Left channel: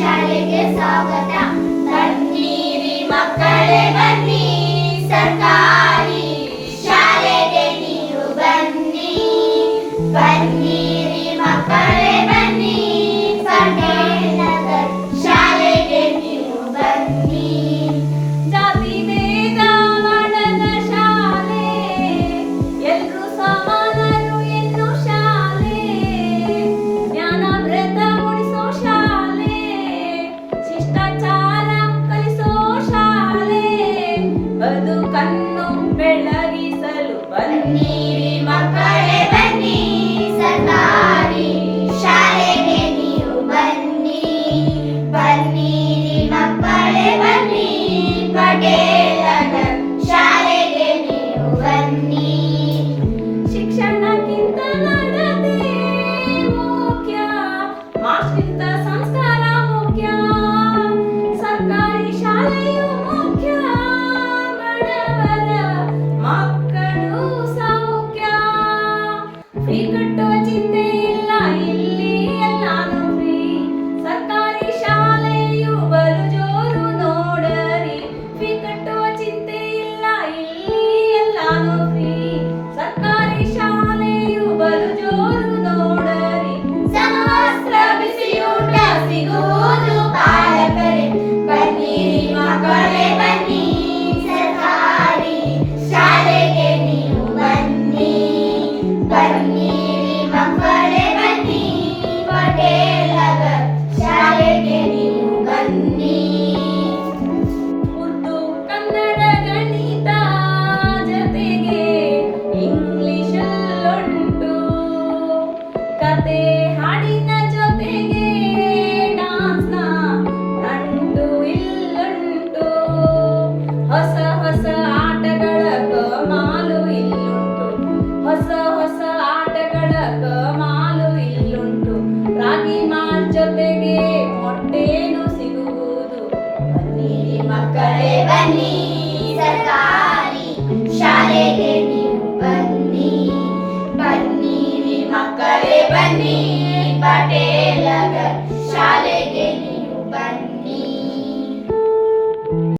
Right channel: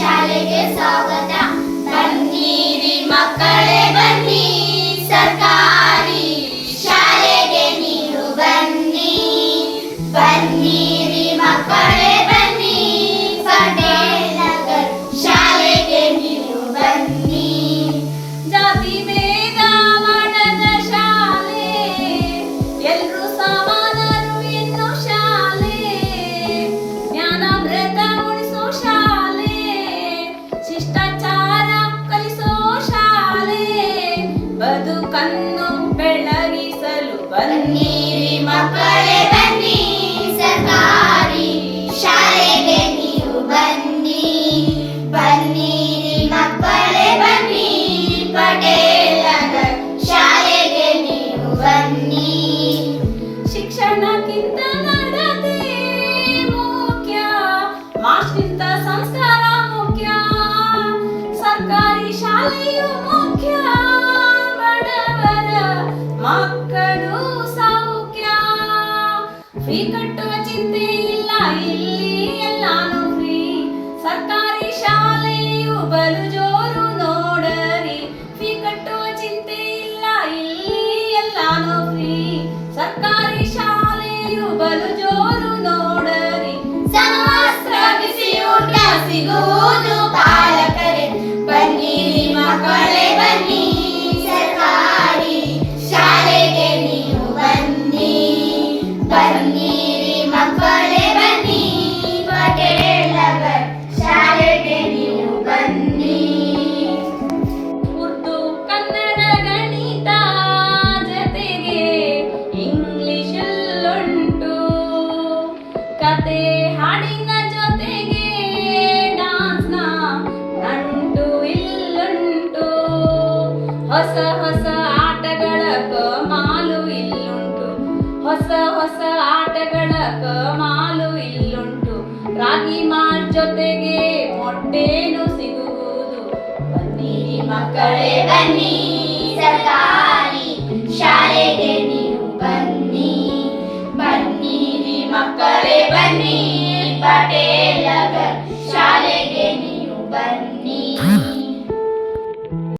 ಶಾಲೆಗೆ ಸ್ವಾಗತ. ಬನ್ನಿರಿ ಮಕ್ಕಳೇ ಬನ್ನಿ, ಸರ್ಕಾರಿ ಶಾಲೆಗೆ ನೀವು ಬನ್ನಿ. ಬನ್ನಿರಿ ಮಕ್ಕಳೇ ಬನ್ನಿ, ಪಟೇಲ್ ನಗರ್ ಶಾಲೆಗೆ ನೀವು ಬನ್ನಿ. ಜಾತಿ ಭೇದ ಮಾಡದ ಶಾಲೆ, ಎಲ್ರೂ ಸಮಾನರು ಎನ್ನೋ ಶಾಲೆ. ಜ್ಞಾನಾಮೃತ ಉಳಿಸೋ ಶಾಲೆ, ಶಿಷ್ಟಾಚಾರ ಕಲಿಸೋ ಶಾಲೆ. ಬದುಕನ್ನು ಬೆಳಗಿಸಲು ಬನ್ನಿರಿ ಮಕ್ಕಳೇ ಬನ್ನಿ, ಸರ್ಕಾರಿ ಶಾಲೆಗೆ ನೀವು ಬನ್ನಿ. ಬನ್ನಿರಿ ಮಕ್ಕಳೇ ಬನ್ನಿ, ಪಟೇಲ್ ನಗರ್ ಶಾಲೆಗೆ ನೀವು ಬನ್ನಿ. ಶಿಕ್ಷಣಕ್ಕಿಂತ ನಡತೆ ಮುಖ್ಯ, ಮಾಸ್ಟ್ರಿಂದ ಸಂಸ್ಕಾರ ಮುಖ್ಯ. ಸರ್ಕಾರಿ ಶಾಲೆಯು ಮುಖ್ಯ, ಬಡವರ ಮಕ್ಕಳು ಸೌಖ್ಯ. ಫ್ರೀ ಕಟ್ಟುವ ಚಿಂತೆ ಇಲ್ಲ, ಇಲ್ಲಿ ಎಲ್ಲಾನು ಫ್ರೀ. ಸರ್ಕಾರಿ ಶಾಲೆಯು ಬಲು ಜೋರು ನೋಡರಿ. ಫ್ರೀ ಕಟ್ಟುವ ಚಿಂತೆ ಇಲ್ಲ, ಇಲ್ಲಿ ಎಲ್ಲಾನು ಫ್ರೀ. ಸರ್ಕಾರಿ ಶಾಲೆಯು ಬಲು ಜೋರು ನೋಡರಿ. ಸಮವಸ್ತ್ರ ಬಿಸಿಯೂಟ ಸಿಗುವುದು ಪಾಲಕರೇ. ಬನ್ನಿರಿ ಮಕ್ಕಳೇ ಬನ್ನಿ, ಸರ್ಕಾರಿ ಶಾಲೆಗೆ ನೀವು ಬನ್ನಿ. ಬನ್ನಿರಿ ಮಕ್ಕಳೇ ಬನ್ನಿ, ಪಟೇಲ್ ನಗರ್ ಶಾಲೆಗೆ ನೀವು ಬನ್ನಿ. ಉರ್ದು ಕನ್ನಡ ಗಣಿತ ಜೊತೆಗೆ ಇಂಗ್ಲಿಷಲ್ಲುಂಟು. ಕತೆ ಹಾಡಿನ ಜೊತೆಗೆ ಡಾನ್ಸ್ನ ನಂಟು ಇಲ್ಲುಂಟು. ಹೊಸ ಹೊಸ ಆಟಗಳ ಕಮಾಲು ಇಲ್ಲುಂಟು. ಹೊಸ ಹೊಸ ಆಟಗಳ ಕಮಾಲು ಇಲ್ಲುಂಟು. ರಾಗಿ ಮಾಲ್ ಜೊತೆಗೆ ಮೊಟ್ಟೆನೂ ಸಿಗುವುದು. ಬನ್ನಿರಿ ಮಕ್ಕಳೇ ಬನ್ನಿ, ಸರ್ಕಾರಿ ಶಾಲೆಗೆ ನೀವು ಬನ್ನಿ. ಬನ್ನಿರಿ ಮಕ್ಕಳೇ ಬನ್ನಿ, ಪಟೇಲ್ ನಗರ್ ಶಾಲೆ